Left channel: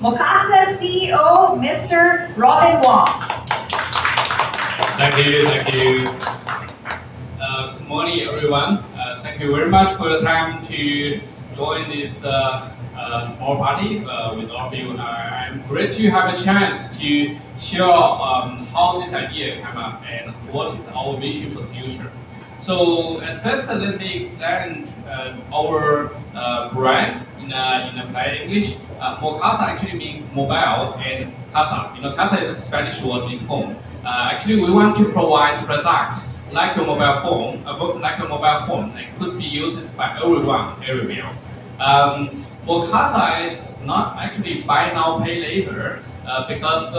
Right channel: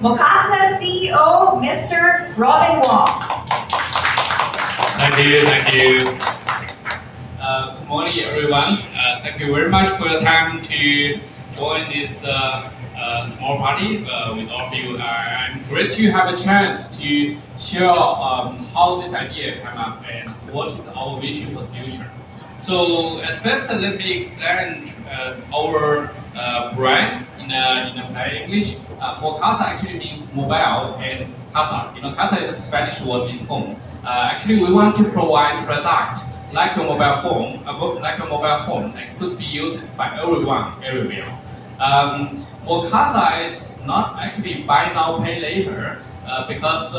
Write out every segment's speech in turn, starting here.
Mocasa CEO, Mr. Robin Wong. Thank you, thank you. Good morning, everyone. Thank you very much for your time to join this small party with all of you. I'm great to have a chance to share how this idea came up and what is our vision for the future. So at first, let me explain our brand in a plain English. Mocasa actually means mobile, and casa. Casa is a Spanish word means home. Actually, we want to provide products like your mobile phone, like your mobile home, that could be used by everyone, everywhere. Mocasa is not actually buy now, pay later, because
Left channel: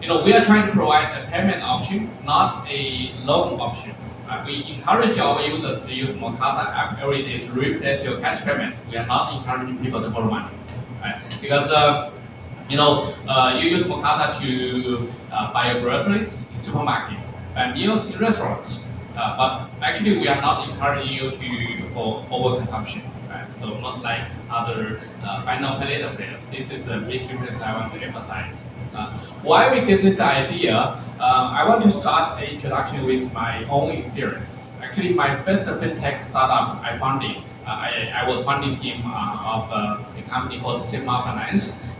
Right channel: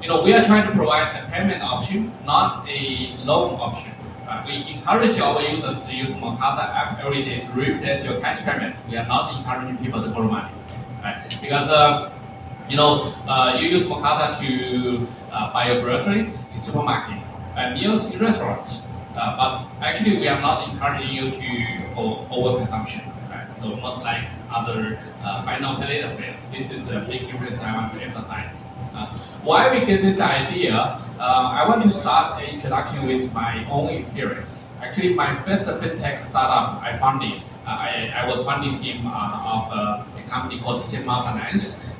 we are trying to provide a payment option, not a loan option. We encourage our users to use Mocasa app every day to replace your cash payment. We are not encouraging people to borrow money, right? Because you use Mocasa to buy your groceries in supermarkets, meals in restaurants. But actually, we are not encouraging you for overconsumption. Right? So not like other buy now pay later players. This is a big difference I want to emphasize. Why we get this idea? I want to start an introduction with my own experience. Actually, my first fintech startup I founded, I was founding team of a company called Sigma Finance.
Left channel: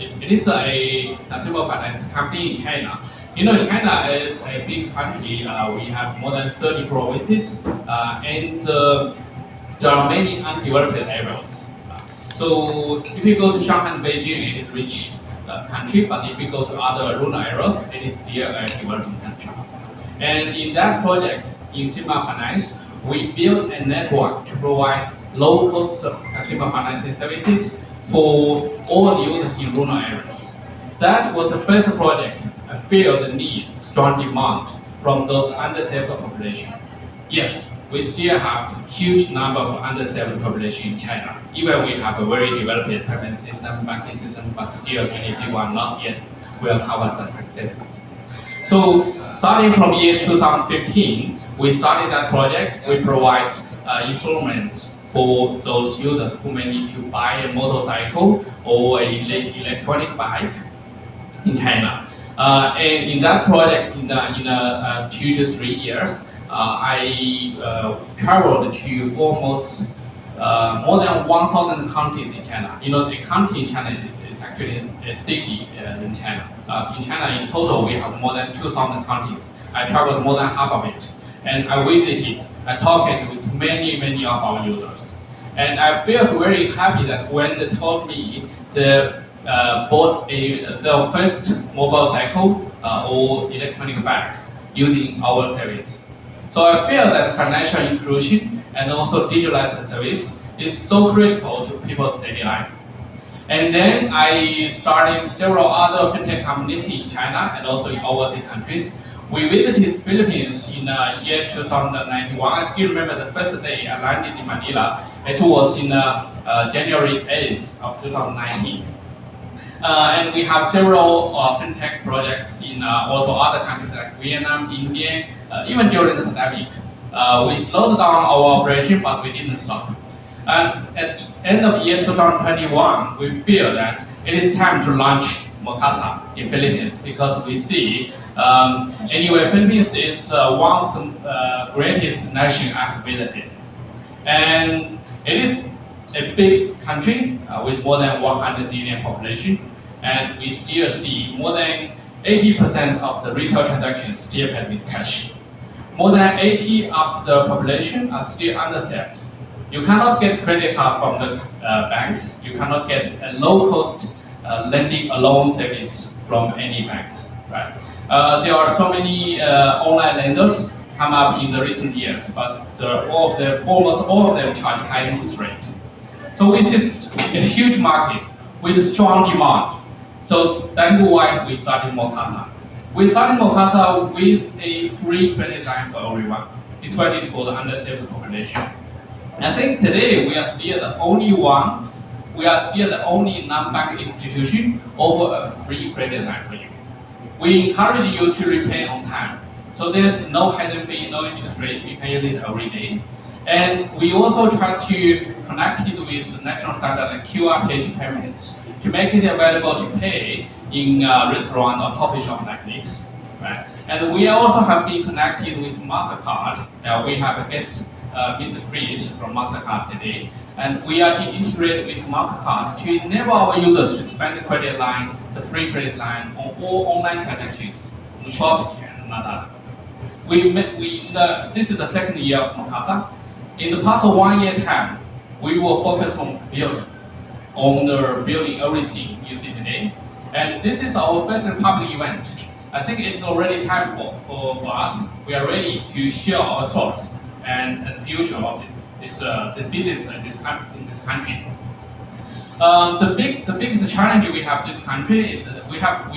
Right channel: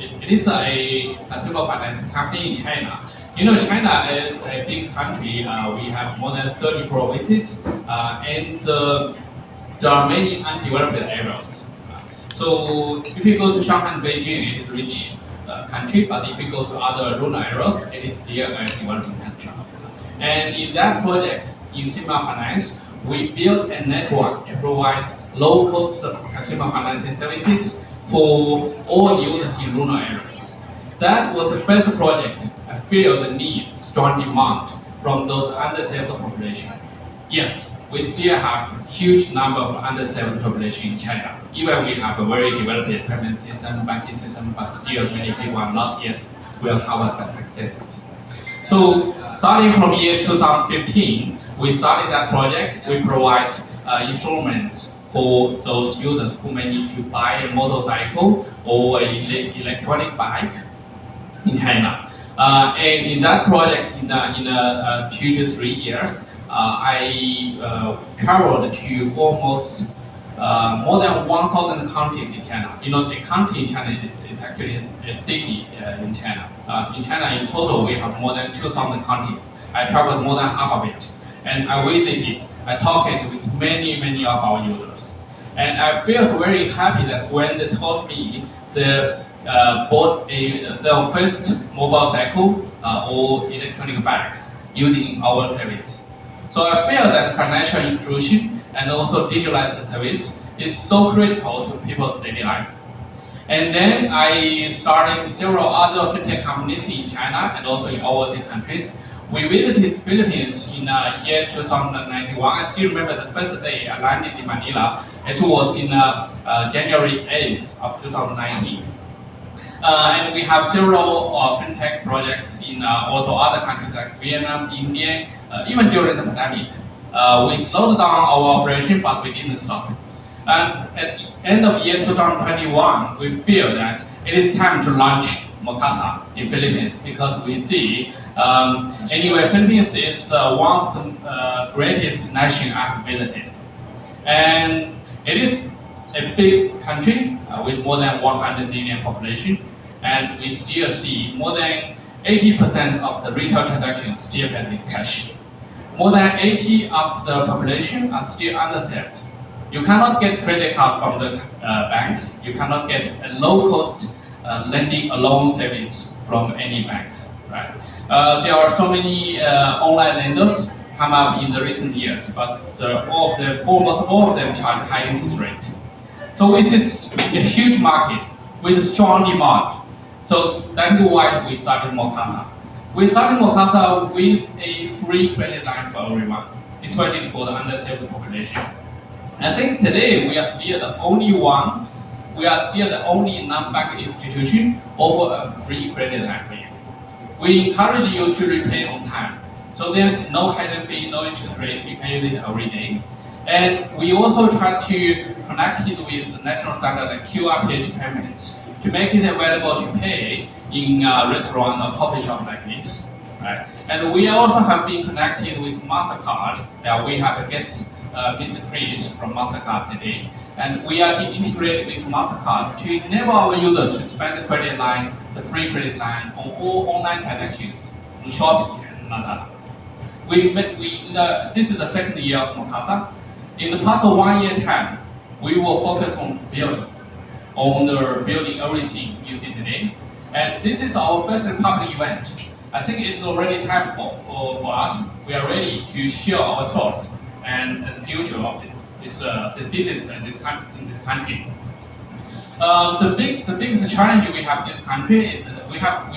It is a consumer finance company in China. China is a big country. We have more than 30 provinces, and there are many undeveloped areas. So if you go to Shanghai and Beijing, it is rich country, but if you go to other rural areas, it is still a developing country. And in that project, in Sigma Finance, we built a network to provide low-cost consumer financing services for all users in rural areas. That was the first project. I feel the need, strong demand from those underserved population. Yes, we still have huge number of underserved population in China. Even we have a very developed payment system, banking system, but still many people are not yet well covered by access. So starting from year 2015, we started that project. We provide instruments for those users who may need to buy a motorcycle or an electronic bike in China. And in that project, in 2 to 3 years, I traveled to almost more than 1,000 counties in China. A county in China is actually a city in China. In China, in total, we have more than 2,000 counties. I traveled more than half of it. And I visited, I talked with many of our users. And I felt very happy that when they told me they bought their first mobile cycle or electronic bags using our service. So I feel that financial inclusion and also digitalized service is so critical to people's daily life. And then I started several other fintech companies in China and also in overseas countries. We visited Philippines in year 2091. I still remember the first day I landed in Manila. It was in January 8th of 2019. And we have several fintech projects in also other countries like Vietnam, India, even during the pandemic. We slowed down our operation, but we didn't stop. And at the end of year 2021, we feel that it is time to launch Mocasa in Philippines because we see, anyway, Philippines is one of the greatest nations I have visited. And it is a big country with more than 100 million population, and we still see more than 80% of the retail transactions still paid with cash. More than 80% of the population are still underserved. You cannot get credit card from the banks. You cannot get a low-cost lending a loan service from any banks. Right? There are so many online lenders come up in the recent years, but almost all of them charge high interest rate. So this is a huge market with strong demand. So that is why we started Mocasa. We started Mocasa with a free credit line for everyone, especially for the underserved population. I think today we are still the only one, we are still the only non-bank institution offer a free credit line for you. We encourage you to repay on time. So there's no hidden fee, no interest rate, you can use it every day. And we also try to connect it with national standard and QR payments to make it available to pay in a restaurant or coffee shop like this. Right? And we also have been connected with MasterCard. We have a guest, Mr. Chris from MasterCard today. And we are integrated with MasterCard to enable our users to spend the credit line, the free credit line, on all online transactions, on Shopee and Lazada. This is the second year of Mocasa. In the past 1 year time, we will focus on building everything you see today. And this is our first public event. I think it's already time for us. We are ready to share our thoughts and the future of this business in this country. The biggest challenge we have this country is we have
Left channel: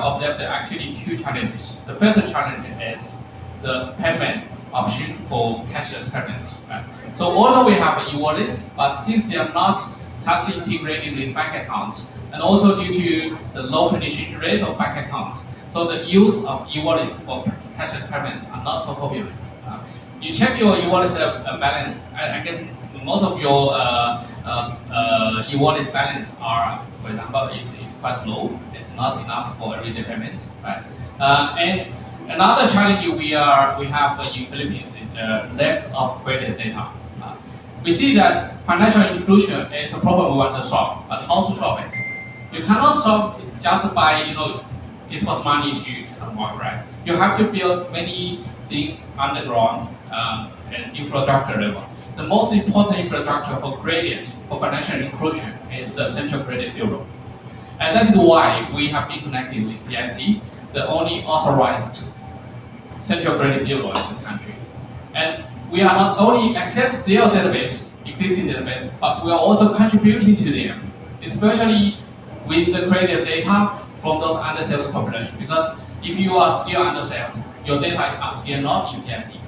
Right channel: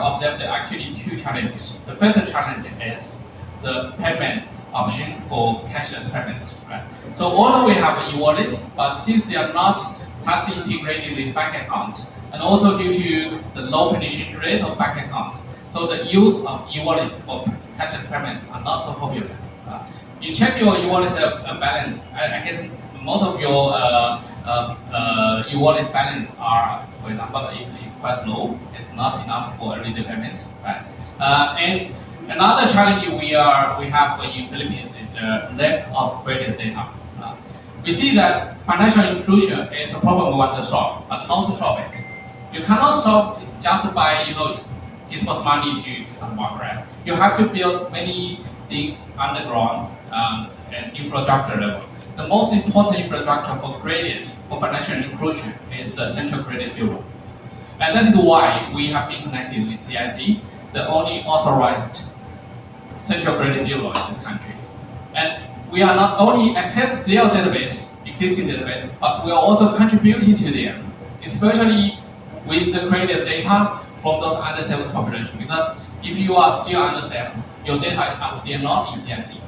observed actually two challenges. The first challenge is the payment option for cashless payments. Right? So although we have e-wallets, but since they are not tightly integrated with bank accounts, and also due to the low penetration rate of bank accounts, so the use of e-wallets for cashless payments are not so popular. You check your e-wallet balance. I guess most of your e-wallet balance are, for example, it's quite low. It's not enough for everyday payments, right? And another challenge we have in Philippines is the lack of credit data. We see that financial inclusion is a problem we want to solve, but how to solve it? You cannot solve it just by disperse money to someone, right? You have to build many things underground and infrastructure level. The most important infrastructure for credit, for financial inclusion, is the Central Credit Bureau. And that is why we have been connected with CIC, the only authorized Central Credit Bureau in this country. And we are not only access their database, existing database, but we are also contributing to them, especially with the credit data from those underserved population. Because if you are still underserved, your data are still not in CIC.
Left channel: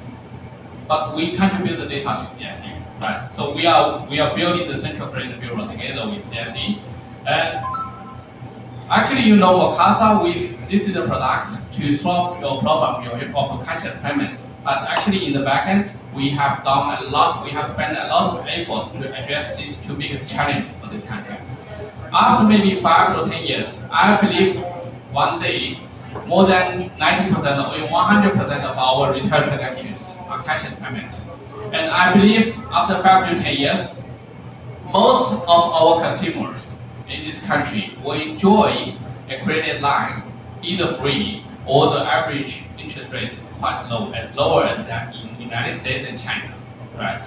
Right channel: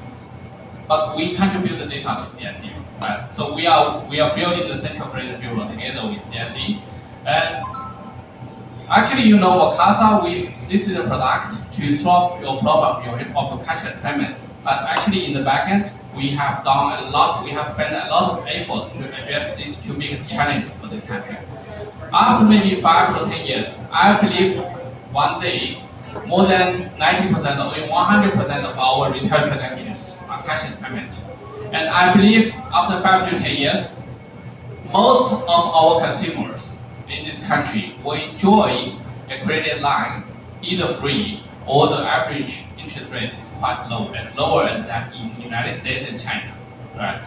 But we contribute the data to CIC, right? So we are building the Central Credit Bureau together with CIC. And actually, Mocasa, this is a product to solve your problem of cashless payment. But actually, in the backend, we have done a lot. We have spent a lot of effort to address these two biggest challenges for this country. After maybe 5 to 10 years, I believe one day more than 90% or even 100% of our retail transactions are cashless payment. And I believe after 5 to 10 years, most of our consumers in this country will enjoy a credit line either free or the average interest rate is quite low. It's lower than that in the United States and China, right?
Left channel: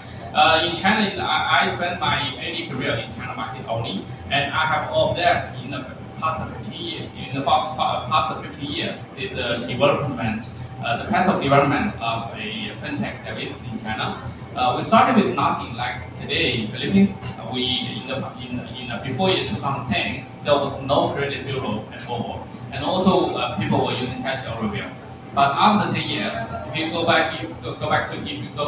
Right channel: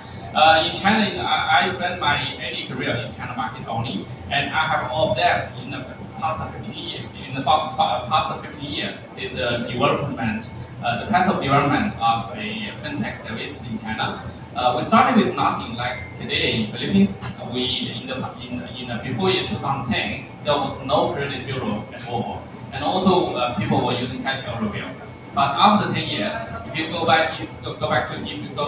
In China, I spent my early career in China market only, and I have observed in the past 15 years, the development, the path of development of a fintech service in China. We started with nothing. Like today in Philippines, before year 2010, there was no credit bureau at all, and also people were using cash everywhere. But after 10 years, if you go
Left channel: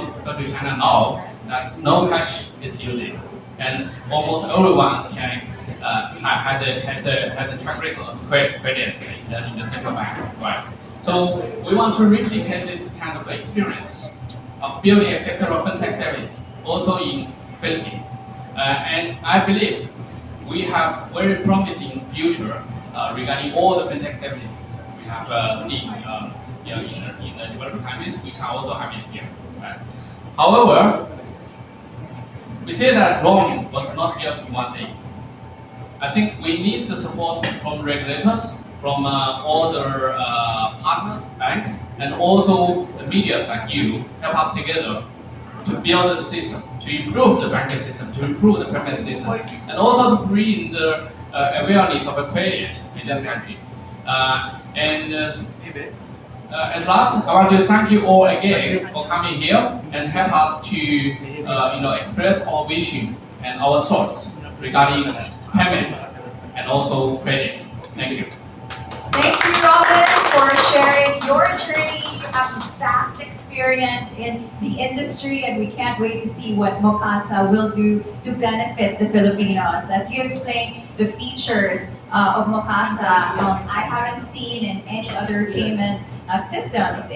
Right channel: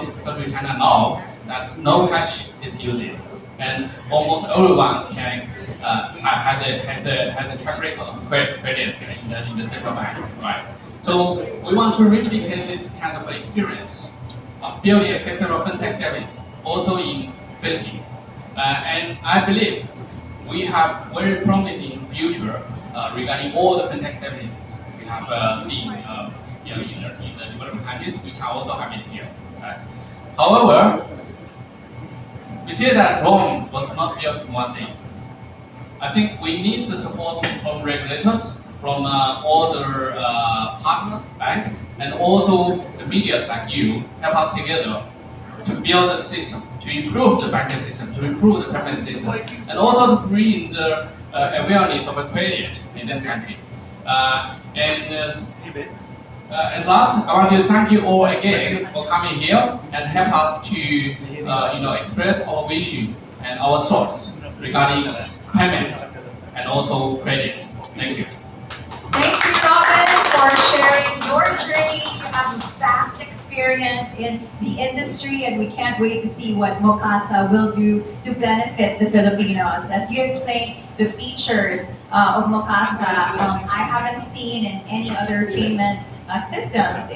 to China now, that no cash is used, and almost everyone can has a track record of credit in the central bank, right? So we want to replicate this kind of experience of building accessible fintech service also in Philippines, and I believe we have very promising future regarding all the fintech services we have seen in the developed countries. We can also have it here, right? However, we say that Wong was not built in one day. I think we need the support from regulators, from all the partners, banks, and also the media like you, help us together to build a system, to improve the banking system, to improve the payment system, and also to bring the awareness of a credit in this country. At last, I want to thank you all again for coming here and help us to express our vision and our thoughts regarding payment and also credit. Thank you. Thank you, Robin, for sharing your journey. You have a vast experience in the industry, and we can't wait to see what Mocasa will do to benefit the Filipinos. As you explained the features of Mocasa, I haven't seen in any other payment systems.